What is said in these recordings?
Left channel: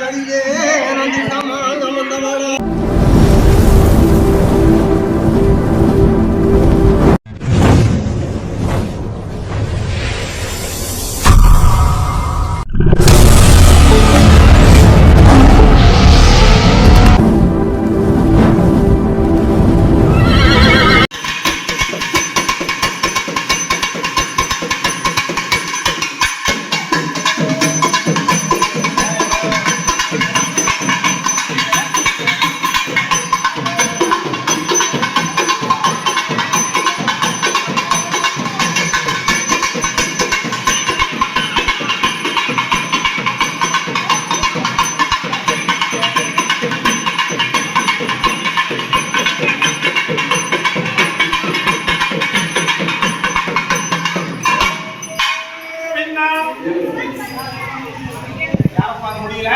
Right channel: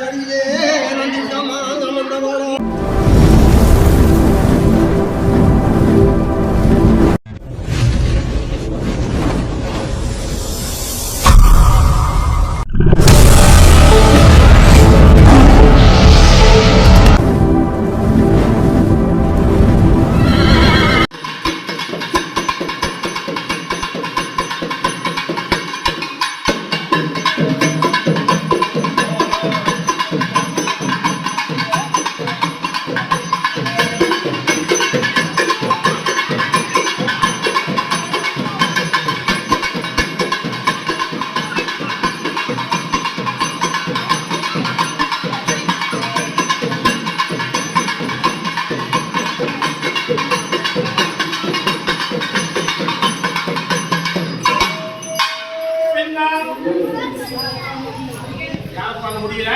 ரஞ்சிதமா நமந்தவாடா யாரும் முடியல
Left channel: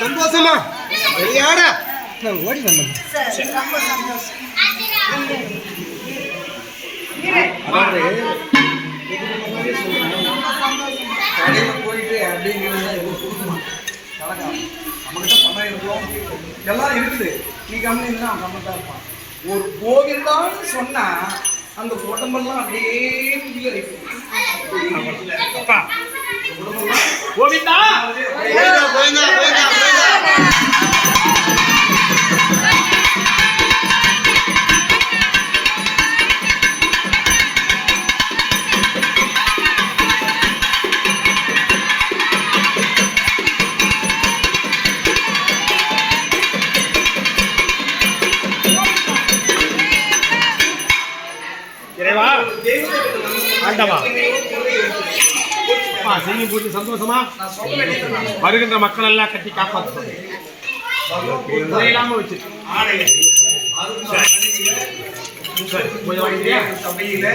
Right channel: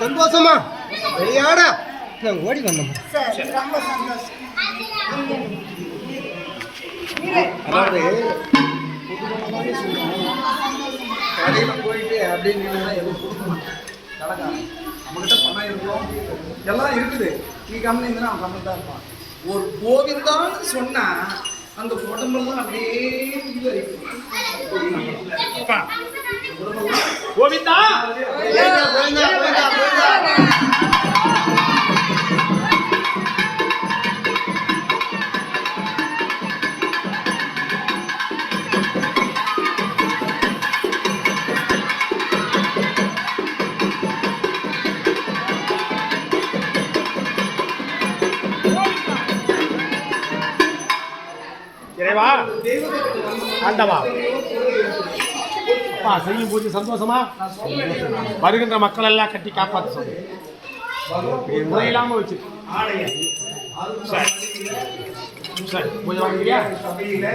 சந்தோஷமா. விளையாட நான் ஓடி வந்தோம் அதாவது போயிட்டு அப்படின்னு எதுவும் கொடுக்கணும். நம்மகிட்ட பணம் இருக்கும். எல்லாம் இருக்குது. நீ கம்மி இருந்தா அவன் கம்மி தான் இருப்பான். ஒரு கோவிந்தான்னு சொன்னா அந்த உடம்பெல்லாம் அப்படியே உள்ள இருக்கும் இறைவா ஆண்டவா. அப்பா செய்யும் போது சந்தோஷமா? வருகின்ற மக்கள் எல்லாம் கட்டி காப்பாற்ற சொல்லு. குறையில்லாம வச்சு சரி. கொஞ்சம் வாங்கிக்கிறியா சபையில